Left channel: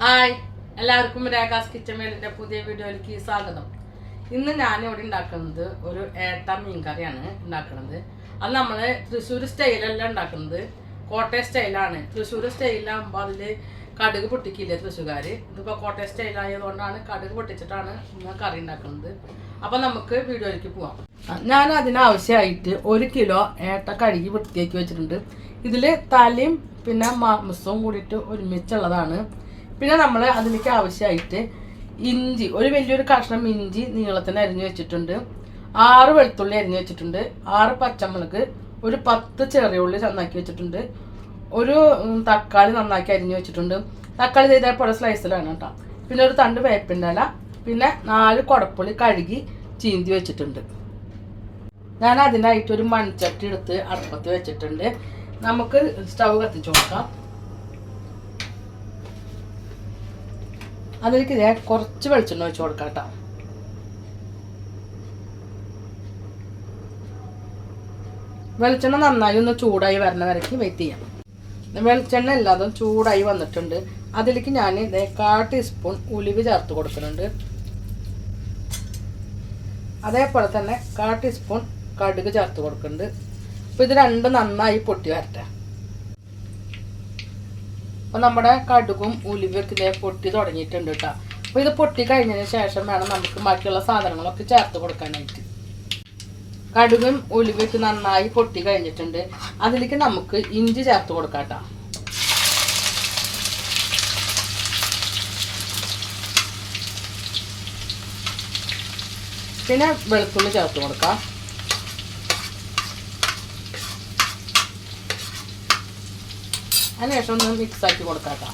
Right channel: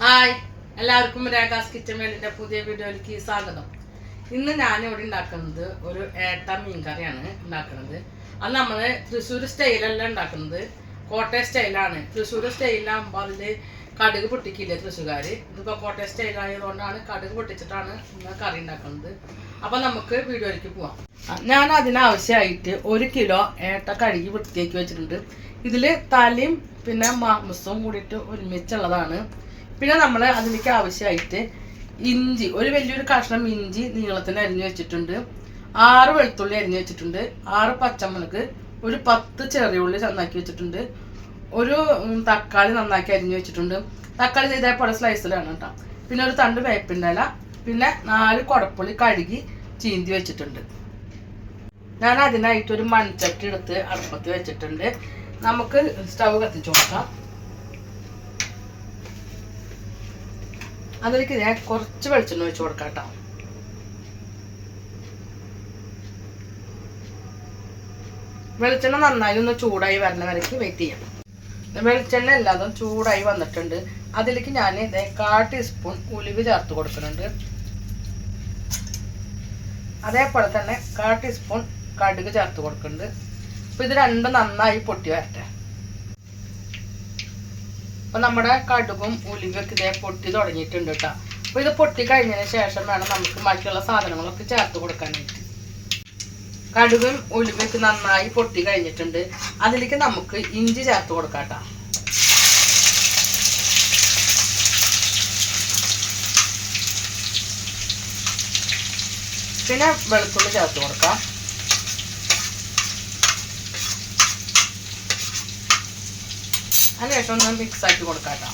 Hi എല്ലാവർക്കും രേഖാസ് kitchen വേലിന്റെ പുതിയ വീഡിയോയിലേക്ക് സ്വാഗതം. ഇന്ന് ഞാൻ ഇവിടെ ഉണ്ടാക്കുന്നത് ഒരു ഏട്ട മീൻ കറിയാണ് ഉണ്ടാക്കുന്നത്. അത് നമ്മൾ തൃശ്ശൂർ സ്റ്റൈലല്ല ഉണ്ടാക്കുന്നത്. കോട്ടയം സ്റ്റൈലാണ്. തൃശ്ശൂർ സ്റ്റൈലാകുമ്പോൾ അതിൽ കടുക് പൊട്ടിക്കില്ല തൃശ്ശൂർകാർ ഇതിപ്പോൾ കോട്ടയം സ്റ്റൈലായതുകൊണ്ടാണ് കടുക് പൊട്ടിച്ചിട്ടാണ് ഇന്ന് കറി ഉണ്ടാക്കുന്നത്. അപ്പോൾ നമുക്ക് വീഡിയോയിലേക്ക് പോവാം. ഞാൻ അതിനാവശ്യമായിട്ട് ഒരു കിലോ ഏട്ട കഴുകി വൃത്തിയാക്കി വെച്ചിട്ടുണ്ട്. ഇതിൽ തലയും പിന്നെ മാംസവും കൂടിയിട്ട് ഒരുമിച്ചുള്ളതാണ്. പിന്നെ നമ്മൾ അതിലേക്ക് ആവശ്യമായിട്ട് ഇഞ്ചി ഒരു വലിയൊരു കഷ്ണം ഇഞ്ചി നീളത്തിന് അരിഞ്ഞു വെച്ചിട്ടുണ്ട്. ആറ് വെളുത്തുള്ളി അരിഞ്ഞു വെച്ചിട്ടുണ്ട്. ആറ് പച്ചമുളക് ഒരു പത്ത് ചെറിയ ഉള്ളി നന്നാക്കി വെച്ചിട്ടുണ്ട്. ഒരു തക്കാളി നന്നാക്കി അരിഞ്ഞു വെച്ചിട്ടുണ്ട്. തക്കാളി ഇതേപോലെ സ്ലൈസിലാണ് കേട്ടോ. പിന്നെ ഒരു തണ്ട് വേപ്പിന്റെ ഇല പിന്നെ നാല് കുടപ്പുളി കഴുകി ചീന്തി വെച്ചിട്ടുണ്ട്. ഞാൻ അതിനായിട്ട് ഒരു മൺചട്ടി എടുത്ത് അടുപ്പത്ത് വെച്ചിട്ടുണ്ട്. നമുക്ക് സ്റ്റൗ കത്തിച്ചു കൊടുക്കാം അതിലേക്ക് ഞാൻ കുറച്ച് വെളിച്ചെണ്ണ ഒഴിച്ച് കൊടുക്കാം കേട്ടോ. വെളിച്ചെണ്ണ നന്നായി ഒന്ന് ചൂടായി വരുന്ന വരയ്ക്ക് വെയിറ്റ് ചെയ്യാം. വെളിച്ചെണ്ണ എല്ലാതും ചൂടായി വന്നിട്ടുണ്ട്. അതിലേക്ക് ഞാൻ ഇതേ കാൽ ടീസ്പൂൺ ഉലിവ് ചേർത്ത് കൊടുക്കുന്നുണ്ട്. അതേപോലെ തന്നെ കാ ടീസ്പൂൺ കടുക് ചേർത്ത് കൊടുക്കുന്നുണ്ട്. അപ്പോൾ ഇത് രണ്ടും നന്നായി പൊട്ടി വരട്ടെ. അപ്പം നമ്മുടെ കടുകും ഉലുവയൊക്കെ ഇതേ പൊട്ടി തുടങ്ങിയിട്ടുണ്ട് കേട്ടോ. അപ്പോൾ ഇത് പൊട്ടി കഴിഞ്ഞതിന് ശേഷം വേണം നമുക്ക് മറ്റുള്ള സാധനങ്ങളൊക്കെ ചേർത്ത് കൊടുക്കാനായിട്ട്. കടുകും ഉലുവയൊക്കെ നന്നായി പൊട്ടി കഴിഞ്ഞിട്ടുണ്ട്. അതിലേക്ക് നമുക്ക് ഇഞ്ചി ചേർത്ത് കൊടുക്കാം കേട്ടോ. പിന്നെ വെളുത്തുള്ളി ചേർത്ത് കൊടുക്കാം. അതിനുശേഷം ഒന്ന് മിക്സ് ആക്കി കൊടുക്കാം കേട്ടോ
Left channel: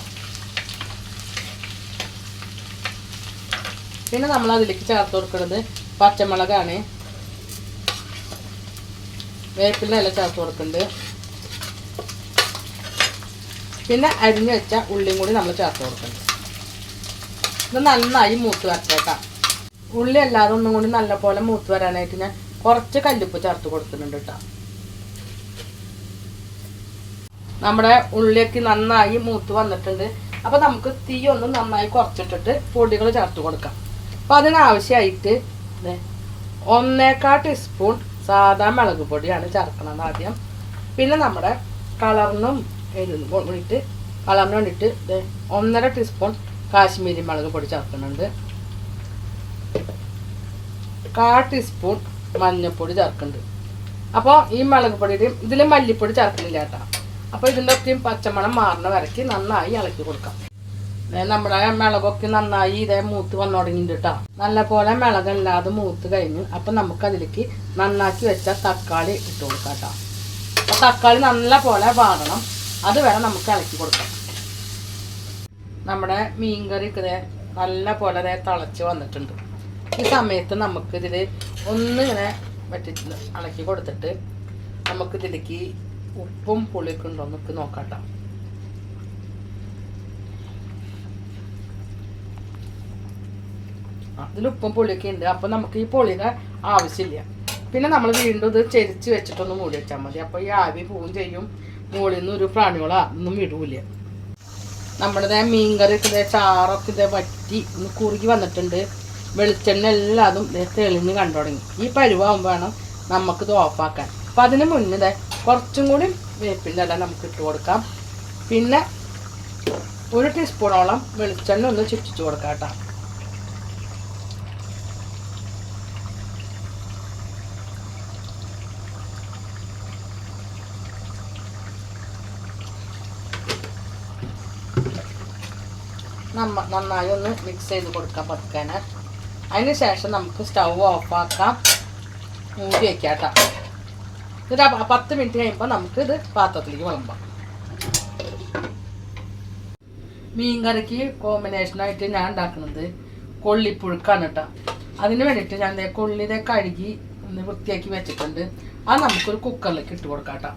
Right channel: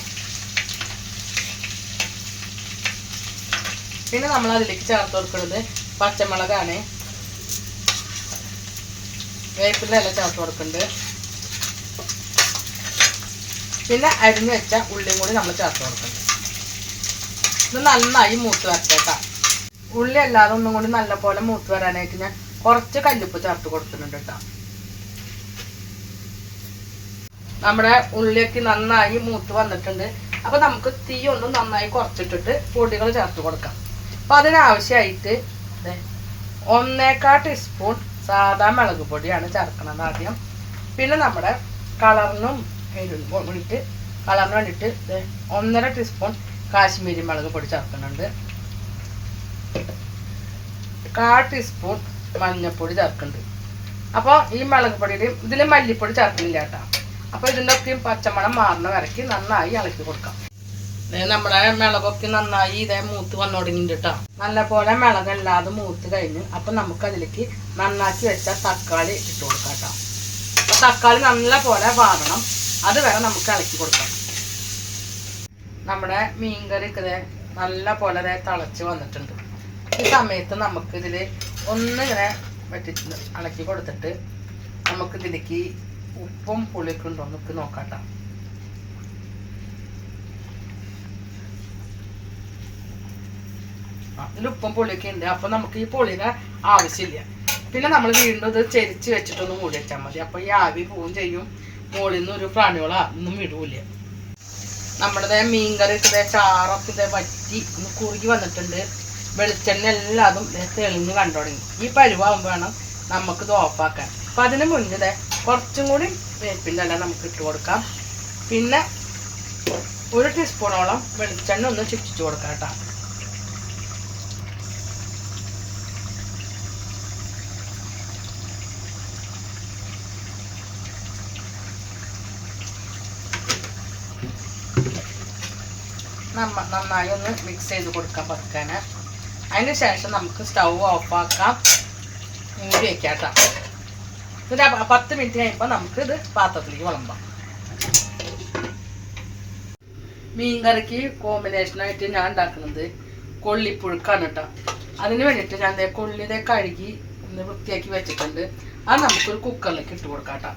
പിന്നെ നമ്മൾ അതിലേക്ക് ചേർത്ത് കൊടുക്കുന്നത് പച്ചമുളകാണ്. വേപ്പില ഇല ചേർത്ത് കൊടുക്കുന്നുണ്ട്. പിന്നെ അരിഞ്ഞ് വെച്ച ഉള്ളിയും കൂടി നമ്മൾ ചേർത്ത് കൊടുക്കുന്നുണ്ട്. ഇത് നന്നായി മൂത്ത് വരട്ടേക്കാം ഉള്ളി അല്ലാതെ ഒന്നും കൂടി നല്ലപോലെ മൂത്ത് വരാനായിട്ട് ഞാൻ കുറച്ച് കല്ലുപ്പ് ചേർത്ത് കൊടുക്കുന്നുണ്ട് കേട്ടോ. നമ്മുടെ ഉള്ളിലേക്ക് നന്നായി മൂത്ത് വന്നിട്ടുണ്ട്. അപ്പൊ നമുക്ക് തീ ഒന്ന് നന്നായി കുറച്ചിട്ടിട്ട് പൊടികൾ ചേർത്ത് കൊടുക്കാം. അപ്പൊ അതിനാവശ്യമായിട്ട് ദേ ഒന്നേക്കാ ടീസ്പൂൺ സാധാ മുളക് പൊടിയാണ് ചേർക്കുന്നത് ആദ്യം. പിന്നെ നമ്മുടെ കളറിനും വേണ്ടിയിട്ട് കളറിന് വേണ്ടിയിട്ട് ഒന്നര ടീസ്പൂൺ കാശ്മീരി മുളക് പൊടി ചേർക്കുന്നുണ്ട്. കാ ടീസ്പൂൺ മഞ്ഞൾപ്പൊടി ചേർക്കുന്നുണ്ട്. അപ്പോൾ ഈ മുളക് പൊടിയുടെയും ഇതിൽ മല്ലിപ്പൊടി ചേർക്കുന്നില്ല കേട്ടോ. അപ്പോൾ ഇതിന്റെ ഒക്കെയും പച്ചമണം മാറുന്ന വരയ്ക്ക് നന്നായി ഇളക്കി കൊടുക്കാം. നമ്മുടെ മിളകൊക്കെ നന്നായി ഇതേ മൂത്ത് വന്നു തുടങ്ങിയിട്ടുണ്ട് കേട്ടോ നല്ല പോലെ മിളകല്ലാതെ മൂത്ത് കഴിഞ്ഞ് അപ്പം നമുക്ക് അതിലേക്ക് നന്നാക്കി വെച്ച തക്കാളി ഇട്ട് കൊടുക്കാം കേട്ടോ അപ്പോൾ തക്കാളി നല്ല പോലെ വാടണം. അത് വരെ നമുക്ക് ഇളക്കി കൊടുക്കാം. നമ്മുടെ മീൻകറി ഇതേ നല്ല പോലെ തിളച്ച് വന്നിട്ടുണ്ട്. ഈ സമയത്ത് നമുക്ക് ഇതിൽ ഒന്നിങ്ങനെ വെട്ടി ഇളക്കി കൊടുത്തിട്ട് നമുക്ക് ഇതിലേക്ക് ഉപ്പും പുളിയൊക്കെ ഉണ്ടോ? നമുക്ക് നോക്കാട്ടോ. ഇതിൽ ഉപ്പും പുളിയൊക്കെ ഉണ്ട്. അപ്പൊ നമുക്ക് ഈ പുളിയുടെ ആവശ്യമില്ല. പിന്നെ നമ്മൾ വീണ്ടും ഇത് ചെരിച്ച് വെച്ചിട്ടൊന്ന് മൂടി വെച്ചാൽ മതി. അപ്പൊ ഈ ആവി പോവും ചെയ്യും. മുകളിൽ നിന്ന് ഒരു പ്രാണികളോ ഒന്നും വിടൂല നമ്മളിത് മീൻകറി ഇതേ ചാറൊക്കെ ഇതേ വറ്റി ഒന്ന് കുറുകി വന്നിട്ടുണ്ട്. വെളിച്ചെണ്ണ എല്ലാതും തെളിഞ്ഞ് കണ്ടു തുടങ്ങി ഈ പരുവാകുമ്പോൾ വേണം നമുക്ക് ഇത് ഓഫാക്കാൻ അപ്പം അതിന് മുന്നേ കുറച്ചും കൂടി വേപ്പിന്റെ എല്ലാം നമുക്ക് ഇട്ട് കൊടുക്കാം. പിന്നെ ഒരു ടീസ്പൂണോളം വെളിച്ചെണ്ണ ഒന്ന് ചുറ്റിച്ച് കൊടുക്കാം കേട്ടോ. നമ്മ നന്നായി ഒന്ന് മിക്സ് ചെയ്ത് കൊടുക്കാം പതുക്കാന് അതിന് ശേഷം നമുക്ക് സ്റ്റൗ ഓഫാക്കാം മൂടി വയ്ക്കാം കേട്ടോ. ആ പത്ത് മിനിറ്റ് കഴിയുമ്പോൾ നമുക്ക് ഇത് പാത്രത്തിലേക്ക് വിളമ്പാം. മീൻ കറിക്ക് കോമ്പിനേഷനായിട്ട് ഞാൻ ഉണ്ടാക്കുന്നത് കൊള്ളിപ്പുഴുക്കാണ് കേട്ടോ അതിന് വേണ്ടിയിട്ട് ഞാൻ ദേ കൊള്ളി ദേ കഴുകി ഒന്ന് വൃത്തിയാക്കി വെച്ചിട്ടുണ്ട്. അത് നമുക്കൊരു കുക്കറിലേക്ക് ഇട്ട് കൊടുക്കാം കേട്ടോ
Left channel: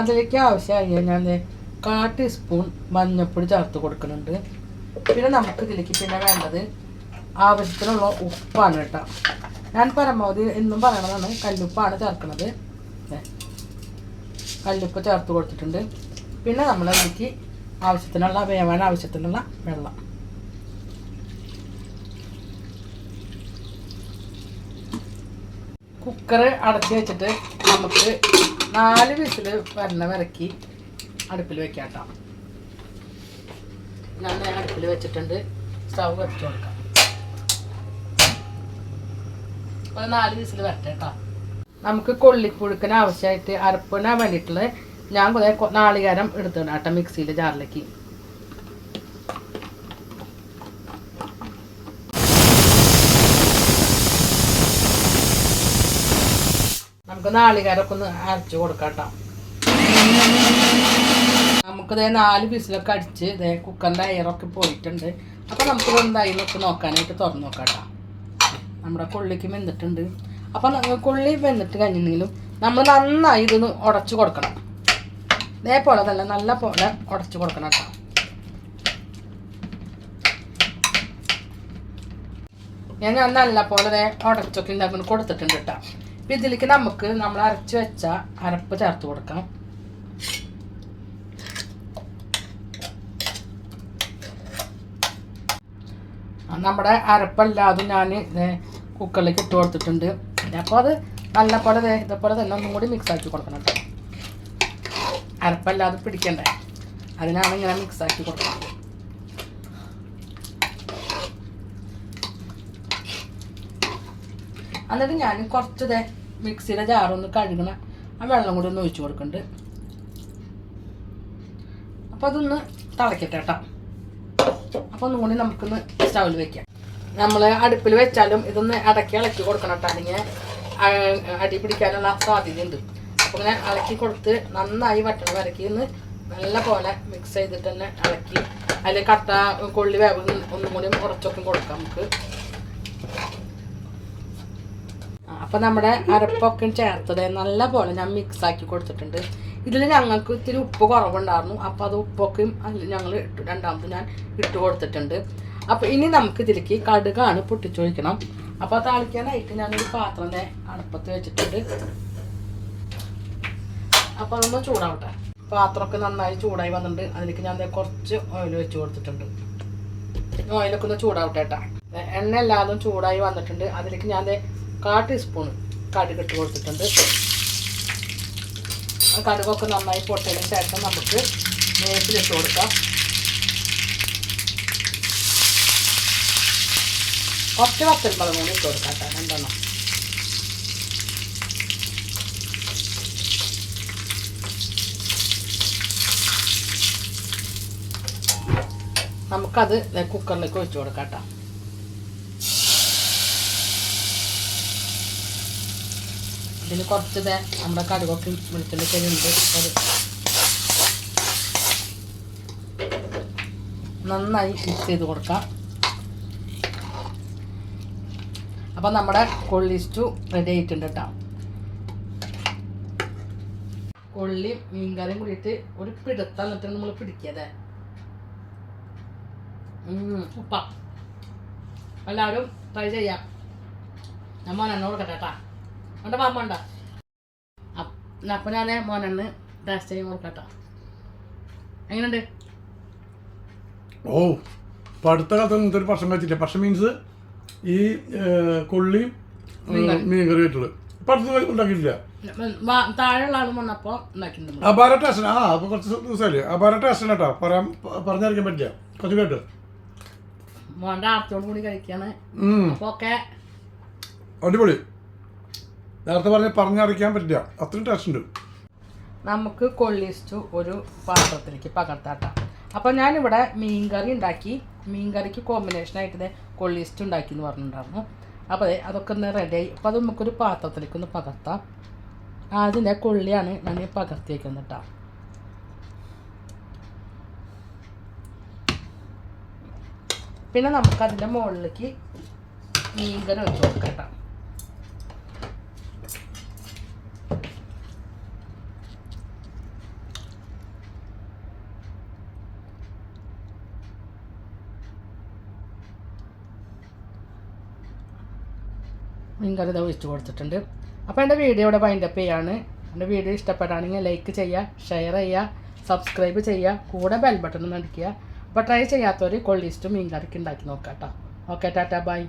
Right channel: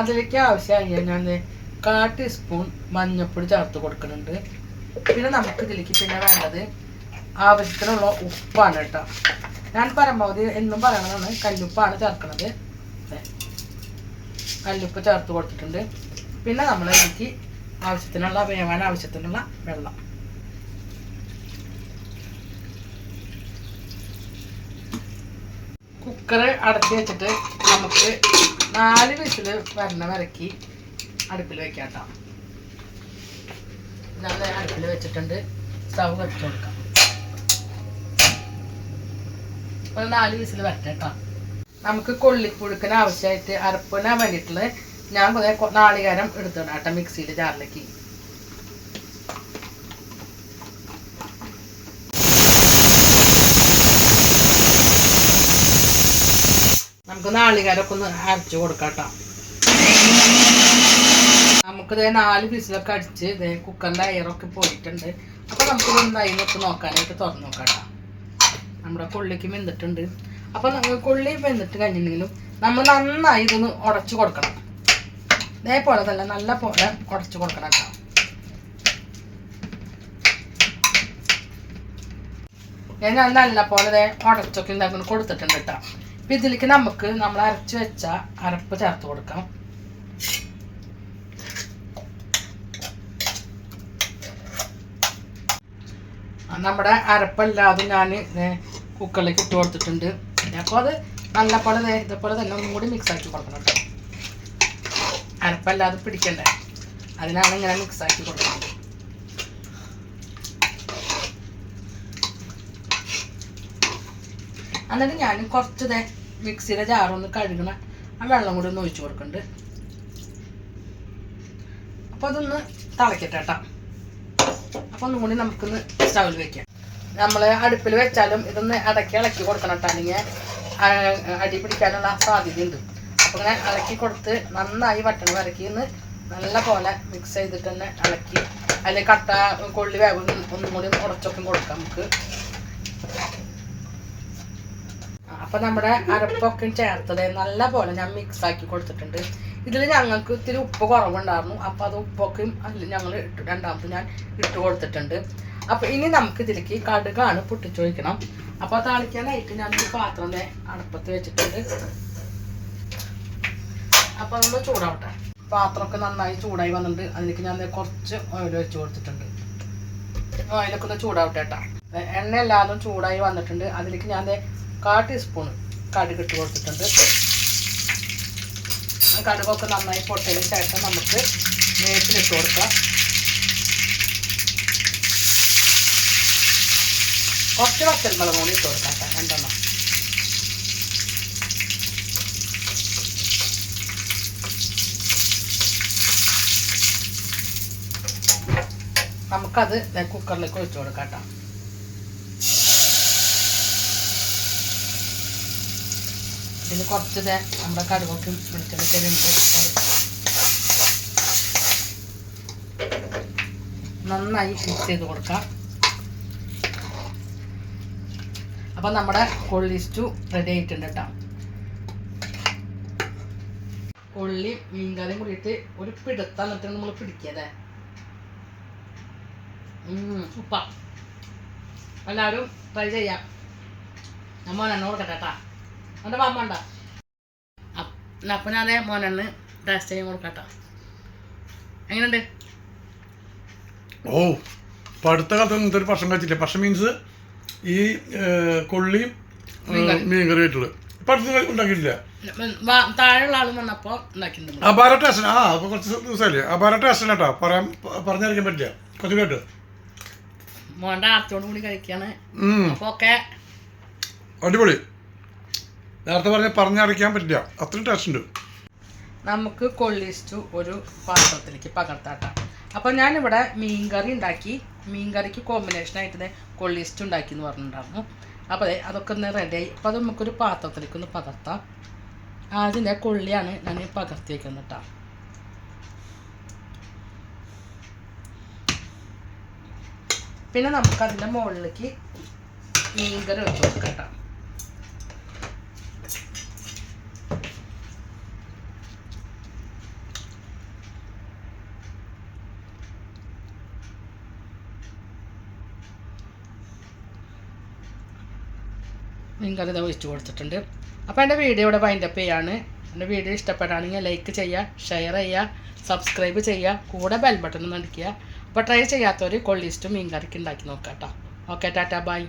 അതിലേക്ക് ആവശ്യമായി ഞാൻ കാ ടീസ്പൂൺ മഞ്ഞൾപ്പൊടി ചേർത്ത് കൊടുക്കുന്നുണ്ട്. പിന്നെ നമുക്ക് ഇതിലേക്ക് പിന്നെ വേണ്ടത് ആവശ്യത്തിനുള്ള ഉപ്പാണ് കേട്ടോ. ഞാൻ പരമാവധി എന്നും പറയണതാണ്. കല്ലുപ്പാണ് ചേർക്കുന്നത് കല്ലുപ്പ് ചേർത്ത് കൊടുത്തിട്ടുണ്ട്. പിന്നെ നമ്മൾ എനിക്ക് ആവശ്യത്തിനുള്ള വേവാൻ ആവശ്യത്തിനുള്ള വെള്ളം. കുക്കർ അടച്ച് വെച്ചിട്ട് നമുക്ക് നാല് വിസിൽ വരണ വരക്കി അടുപ്പിൽ വെക്കാം കേട്ടോ. ഞാൻ അടുപ്പിൽ വെച്ചിട്ടുണ്ട്. സ്റ്റൗ വെച്ച് കൊടുക്കാം. ഒരു നാല് വിസിൽ വരട്ടെ കേട്ടോ നമുക്ക് കൊള്ളിപ്പുഴുക്കിന് ആവശ്യമായിട്ട് അരപ്പിന് വേണ്ടിയിട്ടുള്ള ഞാൻ കുറെ നാളികാരം എടുത്തിടാം കേട്ടോ മിക്സിയിൽ ജാറിലേക്ക്. നമുക്ക് നാളികേരമൊക്കെ ഒന്ന് അരച്ചു കൊടുക്കാം നമുക്ക് ഇതേ നാല് പീസിലൊക്കെ അടിച്ച് ഇതേ കുക്കറിന്റെ അയറൊക്കെ പോയിട്ടുണ്ട്. അപ്പോൾ നമുക്ക് എന്തായാലും ഒക്കെ നോക്കാനായിട്ട് തുറന്നു നോക്കാം കേട്ടോ നമ്മുടെ കൊള്ളിക്ക് വെന്തിട്ടുണ്ട്. അപ്പോൾ കൊള്ളി വെന്തിട്ട് കഴിഞ്ഞിട്ടുണ്ടെങ്കിലും നമ്മൾ നന്നായി ഇതൊന്ന് ഉടച്ചു കൊടുക്കണം. ഇതേപോലെ തന്നെ നല്ല പോലെ ഉടച്ചു കൊടുക്കണം കേട്ടോ. ഞാൻ നല്ല പോലെ ഉടച്ചൊക്കെ ഉണ്ടാക്കുന്നു കൊടുത്തിട്ടുണ്ട് കേട്ടോ. അപ്പം ഇതിലേക്ക് നമുക്ക് നമ്മൾ അരച്ച് വെച്ച അരപ്പ് ചേർത്ത് കൊടുക്കാം. നമ്മുടെ അരപ്പല്ലാതെ ഞാൻ കുക്കറിലേക്ക് ഇട്ട് കൊടുത്തിട്ടുണ്ട്. അപ്പോൾ അത് നല്ല പോലെ ഇതേപോലെ തന്നെ ഒന്നും കൂടി മിക്സ് ആക്കി കൊടുക്കണം കേട്ടോ. അരപ്പല്ലാതെ പിടിക്കണ്ടേ. അതിനാണ് ഇങ്ങനെ മിക്സ് ആക്കി കൊടുക്കുന്നത്. എന്നിട്ട് ഞാൻ കുറച്ച് ദേ മിക്സിയുടെ ജാറൊന്ന് കഴുകണ ആ വെള്ളം കൂടി ഒന്ന് ഒഴിച്ചു കൊടുക്കുന്നുണ്ട് അപ്പോൾ അതൊന്ന് തിളക്കട്ടെ കേട്ടോ. അപ്പോൾ ഒന്നും കൂടി നമുക്കൊന്ന് സ്റ്റൗവിൽ വെക്കാം. നമ്മൾ അടുപ്പിൽ വെച്ചാലും ഇതൊന്ന് അടക്കി ഇളക്കി കൊടുക്കണം കേട്ടോ അല്ലെങ്കിൽ അടി പിടിക്കാനുള്ള സാധ്യതയുണ്ട്. അപ്പോൾ ഇങ്ങനെ ഇളക്കി കൊടുത്ത് നന്നായി വട്ടണം വരക്കി ഇന്ന് നല്ല പോലെ മിക്സ് ചെയ്തിട്ട് തന്നെ ഇളക്കി. അതിൽ കട്ട കൊള്ളി വേവ് ഒന്നും കൂടി ഉറച്ചൊക്കെ കൊടുക്കാം നമുക്ക്. അപ്പോൾ നമ്മുടെ അരപ്പൊക്കെ ചേർത്തത് നല്ല പോലെ ഞാൻ മിക്സ് ആക്കി കൊടുത്തിട്ടുണ്ട്. ഇതിൽ ഞങ്ങൾക്ക് ഇത്തിരി ഉപ്പ് കുറവുണ്ടായിരുന്നു. അപ്പോൾ അത് ഉപ്പൊക്കെയും അതിൽ ഞങ്ങൾ ഇട്ട് രണ്ടാമത് ഞാൻ ഇട്ട് കൊടുത്തിട്ടുണ്ട്. അപ്പോൾ ഇനി നമുക്ക് ഇതിലേക്ക് കടുകാണ് പൊട്ടിച്ചൊഴിക്കണം. അപ്പോൾ താളിക്കാനായിട്ട് ഞാനൊരു പാത്രം അടുപ്പത്ത് വെച്ചിട്ടുണ്ട്. അപ്പോൾ അതൊന്ന് ചൂടാവട്ടെ. പാത്രമൊക്കെ നന്നായി ചൂടായി വന്നിട്ടുണ്ട്. അതിലേക്ക് ഞാൻ കുറച്ച് ഓയിൽ വെച്ച് കൊടുത്തിട്ടുണ്ട്. ഓയിലൊക്കെ ഒന്ന് ചൂടാവട്ടെ കേട്ടോ. എണ്ണ എല്ലാതും ചൂടായി വന്നിട്ടുണ്ട്. അതിലേക്ക് ഞാൻ കാ ടീസ്പൂൺ കടുക് ഇട്ട് കൊടുത്തിട്ടുണ്ട്. കടുകൊക്കെ നന്നായി പൊട്ടതിന് ശേഷം നമുക്ക് വേപ്പിലിട്ട് കൊടുക്കാം. കുറച്ച് വത്തൽക്കളം കൂടി ഇട്ട് കൊടുക്കാം രണ്ടെണ്ണം. നമുക്കത് കുക്കറിലേക്ക് ഒഴിച്ചു കൊടുക്കാം കേട്ടോ. ഇതിൽ കുറച്ച് നമ്മുടെ കടുകൊക്കെ അത് നന്നായി മിക്സ് ചെയ്ത് കൊടുക്കാം. അപ്പം നമ്മുടെ കൊള്ളി സ്റ്റു റെഡി ആയിട്ടുണ്ട് കേട്ടോ കൊള്ളി മീൻകറിയും കൂടിയിട്ട് ഒരു പിടുത്തം എന്നിട്ട് നമ്മൾ പിടിക്കാതെ ഉപ്പ. എല്ലാവരും ട്രൈ ചെയ്യാം. ഞാൻ മോനെണ്ണ കൊടുക്കട്ടെ കേട്ടാ എന്റെ മാമ ഉണ്ടോ? അപ്പം ഞാൻ മോനെണ്ണ് ടേസ്റ്റ് ചെയ്യാൻ കൊടുക്കട്ടോ എങ്ങനെയുണ്ട്? ഓ ഇപ്പം അടുത്ത കാലത്ത് ഇങ്ങനത്തെ ഒരു ഭക്ഷണം കഴിച്ചില്ല ഭക്ഷണം മീൻസ് ഈ കൊള്ളി കൊള്ളിയും ഏ, മീൻ കറി. ആയിട്ടുള്ളത്. ഇപ്പം അടുത്ത് ഉണ്ടാക്കിയിട്ടില്ല. വാ- താഴെയുള്ള ആളും വന്നപ്പോൾ ഉണ്ടാക്കിയിട്ടുണ്ട് അപാര ടേസ്റ്റ് ആ അപ്പോൾ കുറച്ച് ദിവസമല്ലേ? അപാര ടേസ്റ്റ് കേട്ടോ പറയാൻ പറഞ്ഞറിയിക്കാൻ പറ്റില്ല. കുറച്ച് കേട്ടോ. മോന്റെ ആർത്തിയോട് കൂടി കഴിക്കാണ്. ഉം, അപ്പോൾ ഒക്കെ അടിപൊളി. നേരത്തെ പറഞ്ഞ പറഞ്ഞറിയിക്കാൻ പറ്റില്ല. അത്രയും ടേസ്റ്റ് ഉണ്ട്. നമുക്ക് കൊള്ളിസ്റ്റു ഒരു പാത്രത്തിലേക്ക് പകർത്താട്ടാം. അപ്പോൾ ഞാനിവിടെ മീൻകറി ഉണ്ടാക്കി. മീൻ മീൻകറിക്ക് കോമ്പിനേഷനായിട്ട് കൊള്ളിസ്റ്റ് ഉണ്ടാക്കി എന്ന് പറഞ്ഞിട്ടുണ്ടായിരുന്നു. അപ്പോൾ അതെ അതൊക്കെ ഒന്ന് റെഡിയായി അപ്പോൾ അത് നമുക്കൊരു പാത്രത്തിലേക്ക് ഒന്ന് പകർത്താം അതിന്റെ കൊള്ളിയാണ് ഞാൻ പകർത്തി വയ്ക്കുന്നത് കേട്ടോ. പിന്നെ നമുക്ക് അതിന്റെ മുകളിലേക്ക് മീൻകറി വെച്ച് കൊടുക്കാം കേട്ടോ. അത് ഒഴിച്ച് കൊടുത്തിട്ടുണ്ട്. അപ്പോൾ എന്റെ വീഡിയോ ഇവിടെ വൈൻഡപ്പ് ചെയ്യാണ്. എന്റെ വീഡിയോ ഇഷ്ടപ്പെടുകയാണെങ്കിൽ ലൈക്ക് ചെയ്യുക ഷെയർ ചെയ്യുക സബ്സ്ക്രൈബ് ചെയ്യുക കൂടെ ബെൽ ബട്ടൺ അടിക്കുക. അപ്പോൾ ട്രൈ ചെയ്യാത്തവർ കൊള്ളിസ്റ്റും മീൻ കറിക്ക് ഉണ്ടാക്കി നോക്കാം കേട്ടോ ഓക്കെ ടാറ്റാ ബൈ